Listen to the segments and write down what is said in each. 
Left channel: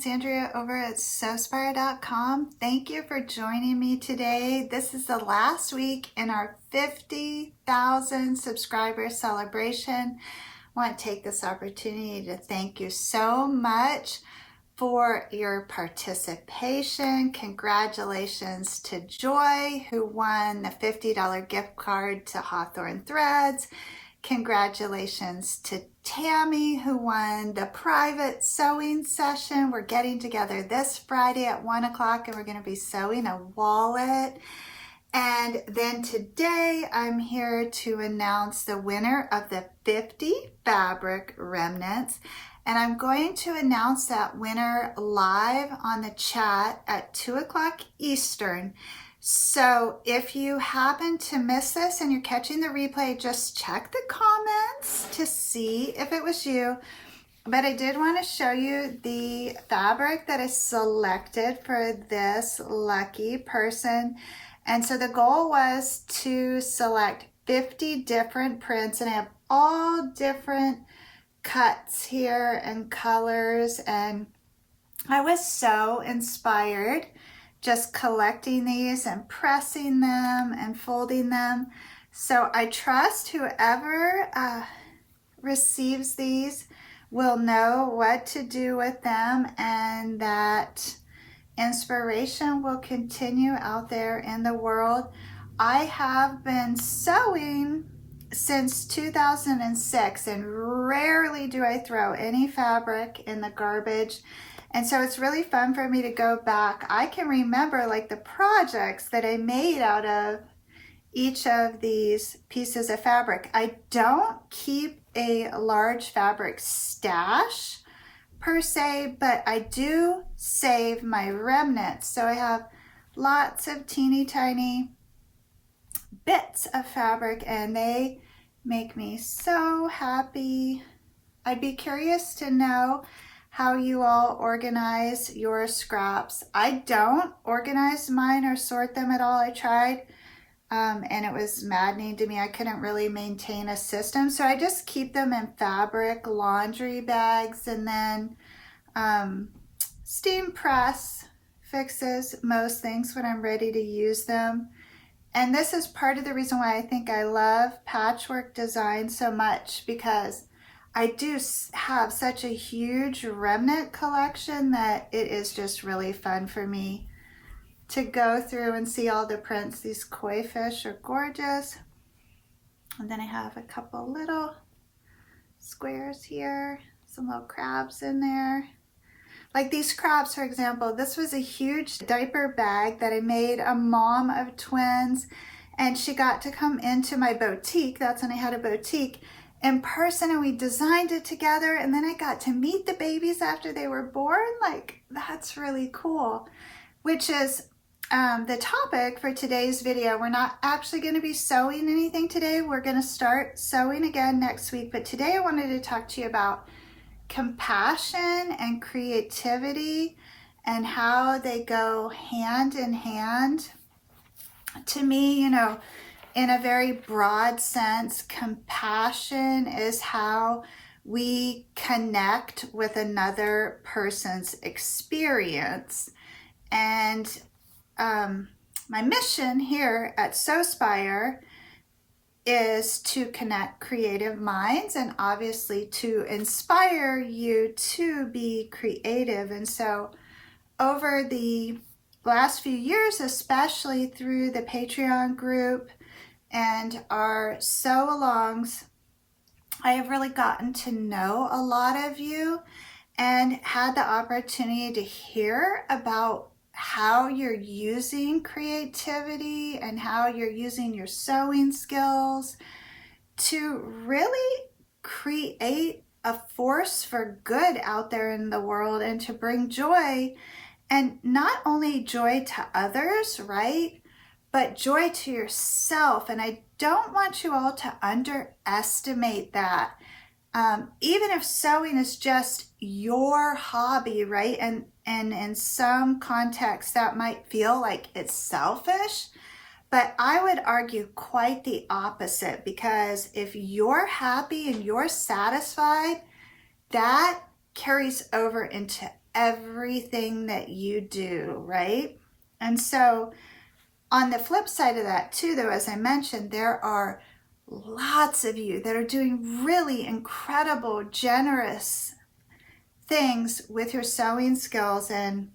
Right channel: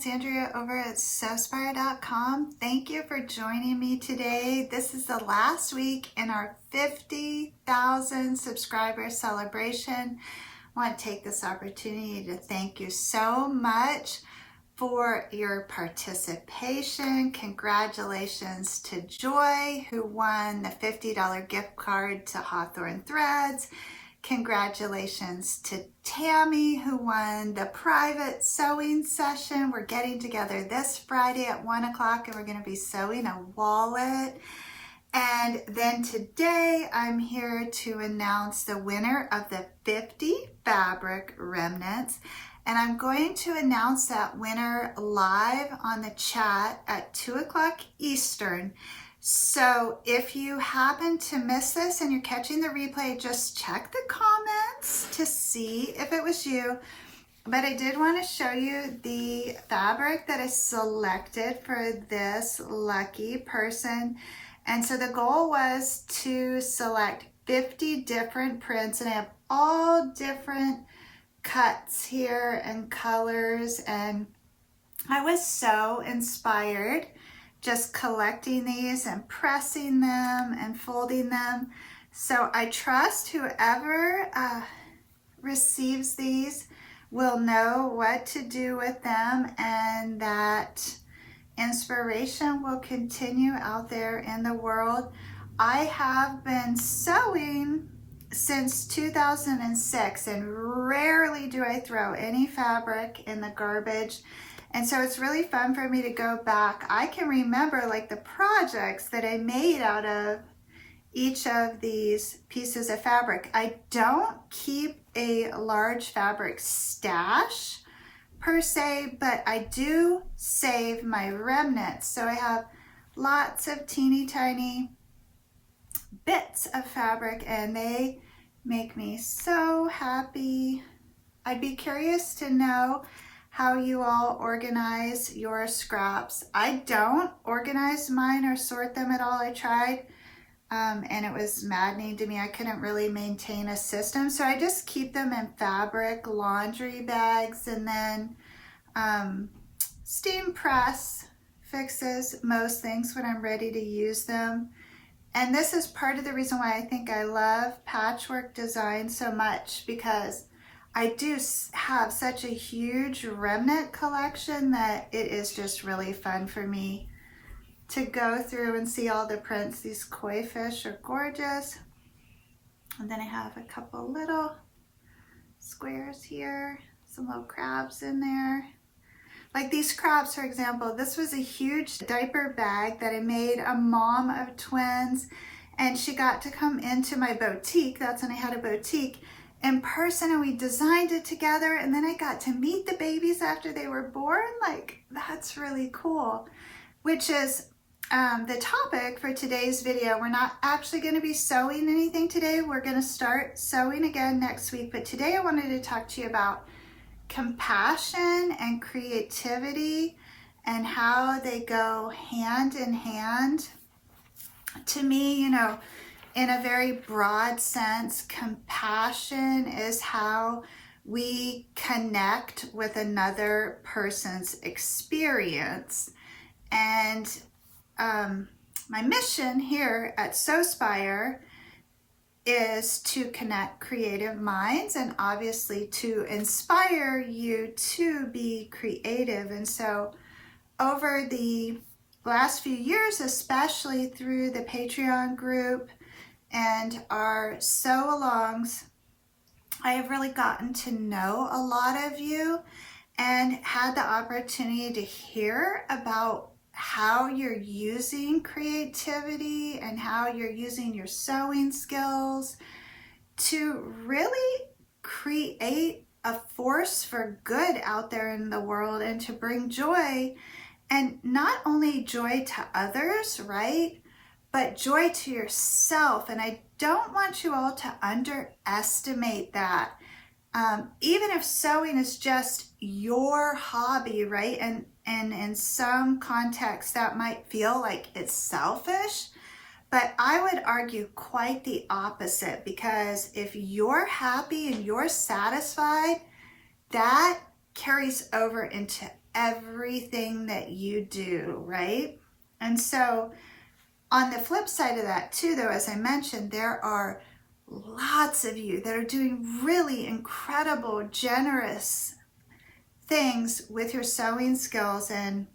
it's Andrea over at Sewspire.com. Thank you for joining me today. This is the last week in our 50,000 subscriber celebration. I want to take this opportunity to thank you so much for your participation. Congratulations to Joy, who won the $50 gift card to Hawthorne Threads. Congratulations to Tammy, who won the private sewing session. We're getting together this Friday at 1 o'clock and we're going to be sewing a wallet. And then today I'm here to announce the winner of the 50 fabric remnants. And I'm going to announce that winner live on the chat at 2 o'clock Eastern. So if you happen to miss this and you're catching the replay, just check the comments to see if it was you. But I did want to show you the fabric that is selected for this lucky person. And so the goal was to select 50 different prints, and I have all different cuts here and colors. And I was so inspired just collecting these and pressing them and folding them. So I trust whoever receives these will know what to do with them, and that inspiration will continue out there in the world. I have been sewing since 2006, and rarely do I throw any fabric in the garbage. And so it's really fun for me to go back. I can remember like the projects that I made out of each of these pieces of fabric. I don't keep a large fabric stash per se, but I do save my remnants. So I have lots of teeny tiny bits of fabric, and they make me so happy. I'd be curious to know how you all organize your scraps. I don't organize mine or sort them at all. I tried and it was maddening to me. I couldn't really maintain a system. So I just keep them in fabric laundry bags, and then steam press fixes most things when I'm ready to use them. And this is part of the reason why I think I love patchwork design so much, because I do have such a huge remnant collection that it is just really fun for me to go through and see all the prints. These koi fish are gorgeous. And then I have a couple little squares here, some little crabs in there. Like these crabs, for example, this was a huge diaper bag that I made a mom of twins, and she got to come into my boutique. That's when I had a boutique in person, and we designed it together, and then I got to meet the babies after they were born. Like, that's really cool, which is the topic for today's video. We're not actually going to be sewing anything today. We're going to start sewing again next week, but today I wanted to talk to you about compassion and creativity and how they go hand in hand. To me, you know, in a very broad sense, compassion is how we connect with another person's experience. And my mission here at Sewspire is to connect creative minds and obviously to inspire you to be creative. And so over the last few years, especially through the Patreon group and our sew-alongs, I have really gotten to know a lot of you and had the opportunity to hear about how you're using creativity and how you're using your sewing skills to really create a force for good out there in the world and to bring joy, and not only joy to others, right? But joy to yourself. And I don't want you all to underestimate that. Even if sewing is just your hobby, right? And in some contexts that might feel like it's selfish, but I would argue quite the opposite, because if you're happy and you're satisfied, that carries over into everything that you do, right? And so on the flip side of that too, though, as I mentioned, there are lots of you that are doing really incredible, generous things with your sewing skills. And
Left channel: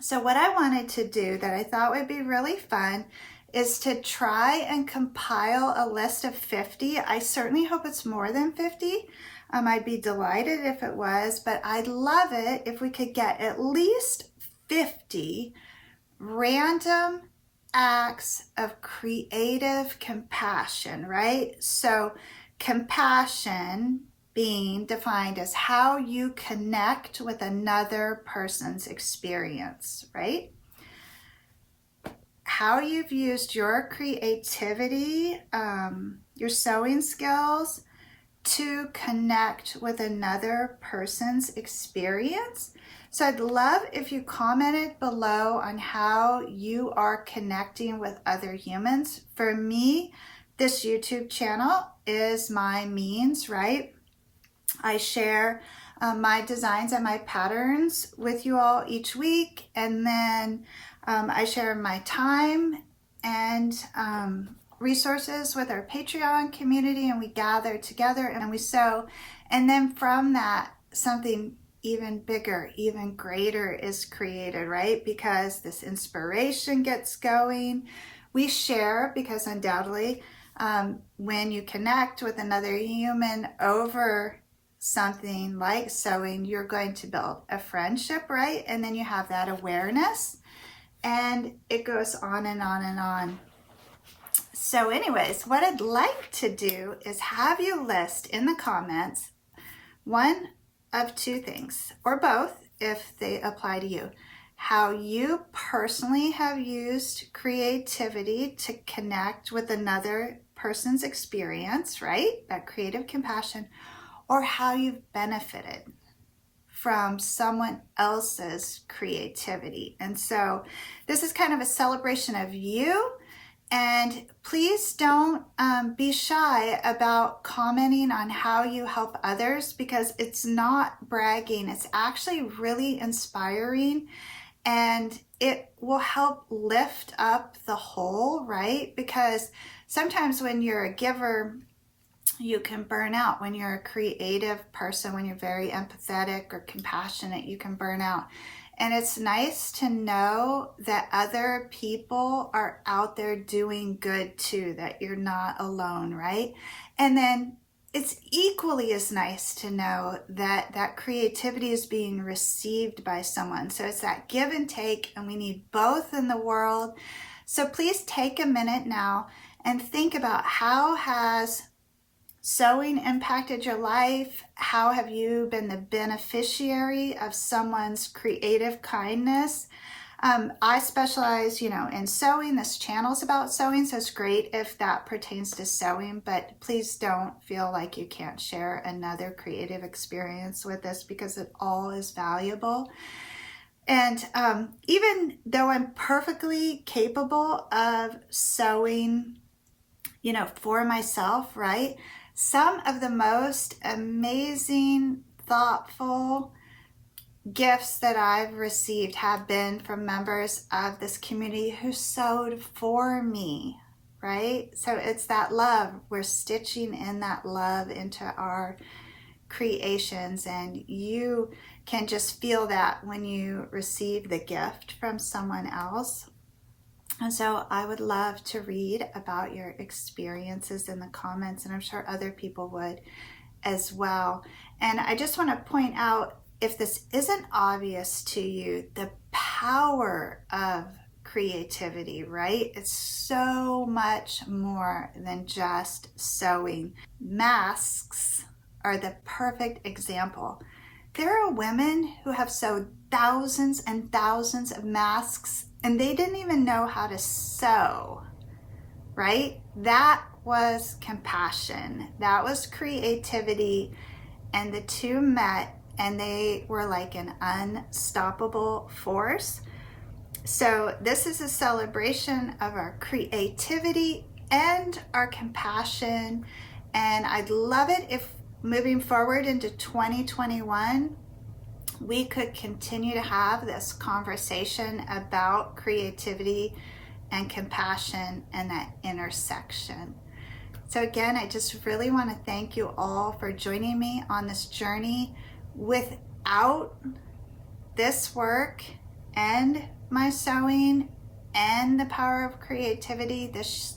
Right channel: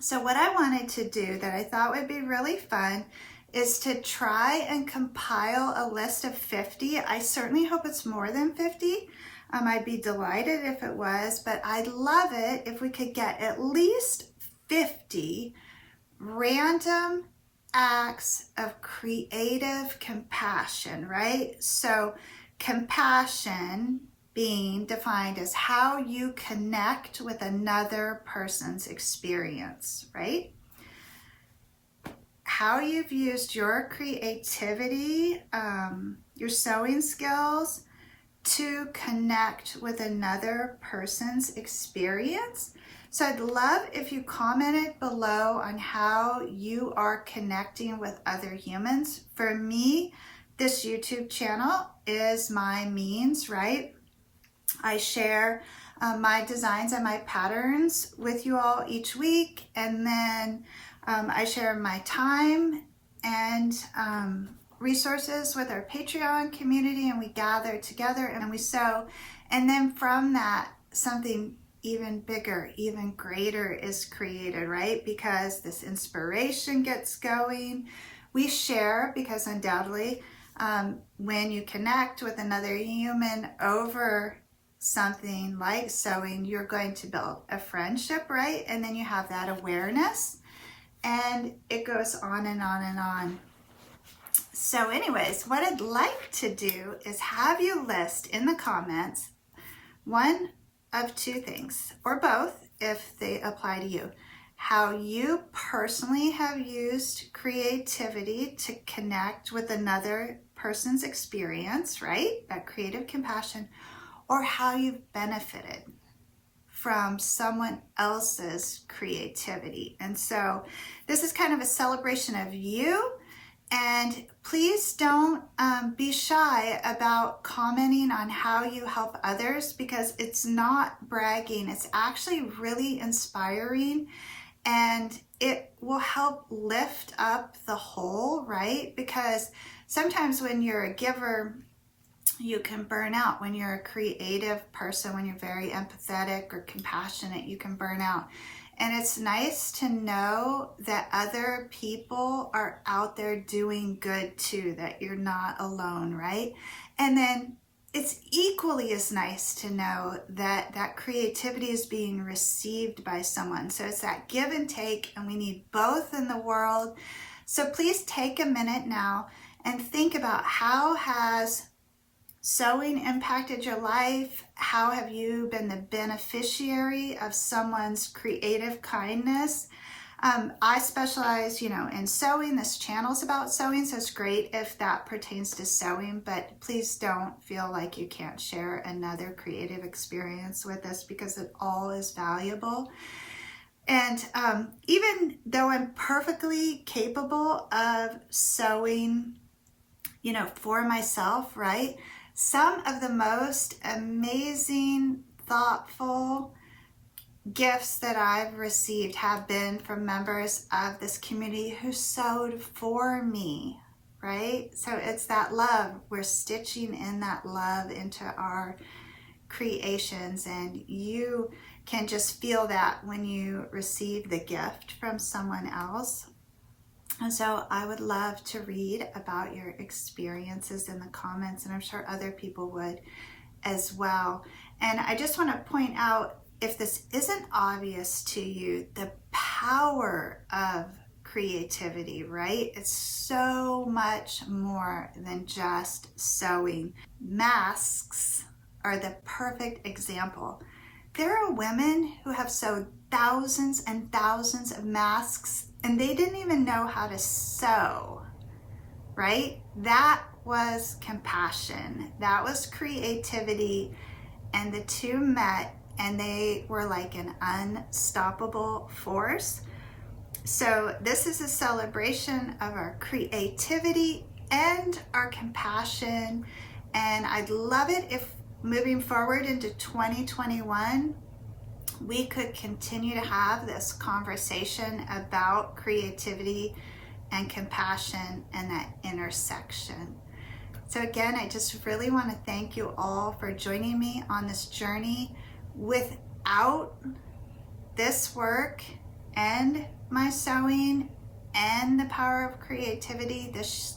so what I wanted to do that I thought would be really fun is to try and compile a list of 50. I certainly hope it's more than 50. I'd be delighted if it was, but I'd love it if we could get at least 50 random acts of creative compassion, right? So compassion being defined as how you connect with another person's experience, right? How you've used your creativity, your sewing skills to connect with another person's experience. So I'd love if you commented below on how you are connecting with other humans. For me, this YouTube channel is my means, right? I share my designs and my patterns with you all each week, and then I share my time and resources with our Patreon community, and we gather together and we sew. And then from that, something even bigger, even greater is created, right? Because this inspiration gets going. We share, because undoubtedly, when you connect with another human over something like sewing, you're going to build a friendship, right? And then you have that awareness, and it goes on and on and on. So anyways, what I'd like to do is have you list in the comments one of two things, or both if they apply to you, how you personally have used creativity to connect with another person's experience, right? That creative compassion, or how you've benefited from someone else's creativity. And so this is kind of a celebration of you. And please don't be shy about commenting on how you help others, because it's not bragging. It's actually really inspiring, and it will help lift up the whole, right? Because sometimes when you're a giver, you can burn out. When you're a creative person, when you're very empathetic or compassionate, you can burn out. And it's nice to know that other people are out there doing good too, that you're not alone, right? And then it's equally as nice to know that that creativity is being received by someone. So it's that give and take, and we need both in the world. So please take a minute now and think about, how has sewing impacted your life? How have you been the beneficiary of someone's creative kindness? I specialize, in sewing. This channel's about sewing, so it's great if that pertains to sewing, but please don't feel like you can't share another creative experience with us, because it all is valuable. And even though I'm perfectly capable of sewing, for myself, right? Some of the most amazing, thoughtful gifts that I've received have been from members of this community who sewed for me, right? So it's that love. We're stitching in that love into our creations, and you can just feel that when you receive the gift from someone else. And so I would love to read about your experiences in the comments, and I'm sure other people would as well. And I just want to point out, if this isn't obvious to you, the power of creativity, right? It's so much more than just sewing. Masks are the perfect example. There are women who have sewed thousands and thousands of masks, and they didn't even know how to sew, right? That was compassion. That was creativity. And the two met, and they were like an unstoppable force. So this is a celebration of our creativity and our compassion. And I'd love it if moving forward into 2021, we could continue to have this conversation about creativity and compassion and that intersection. So again, I just really want to thank you all for joining me on this journey. Without this work and my sewing and the power of creativity, this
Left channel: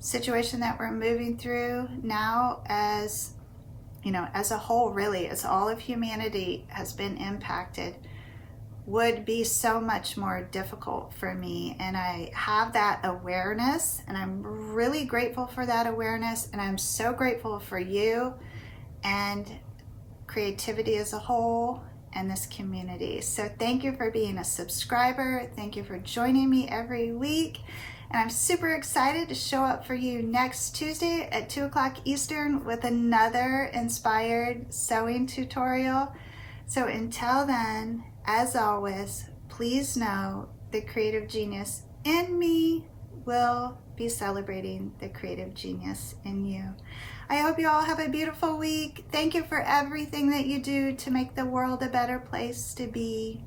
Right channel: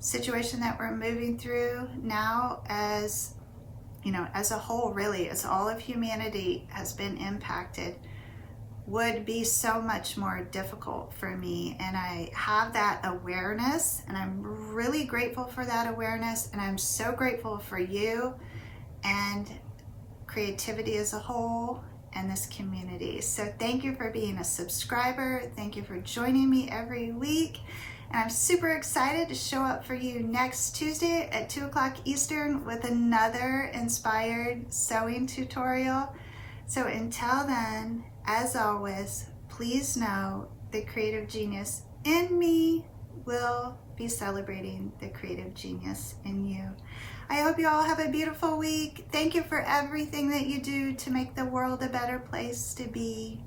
situation that we're moving through now, as you know, as a whole, really, as all of humanity has been impacted, would be so much more difficult for me. And I have that awareness, and I'm really grateful for that awareness, and I'm so grateful for you and creativity as a whole and this community. So thank you for being a subscriber. Thank you for joining me every week. And I'm super excited to show up for you next Tuesday at 2 o'clock Eastern with another inspired sewing tutorial. So until then, as always, please know the creative genius in me will be celebrating the creative genius in you. I hope you all have a beautiful week. Thank you for everything that you do to make the world a better place to be.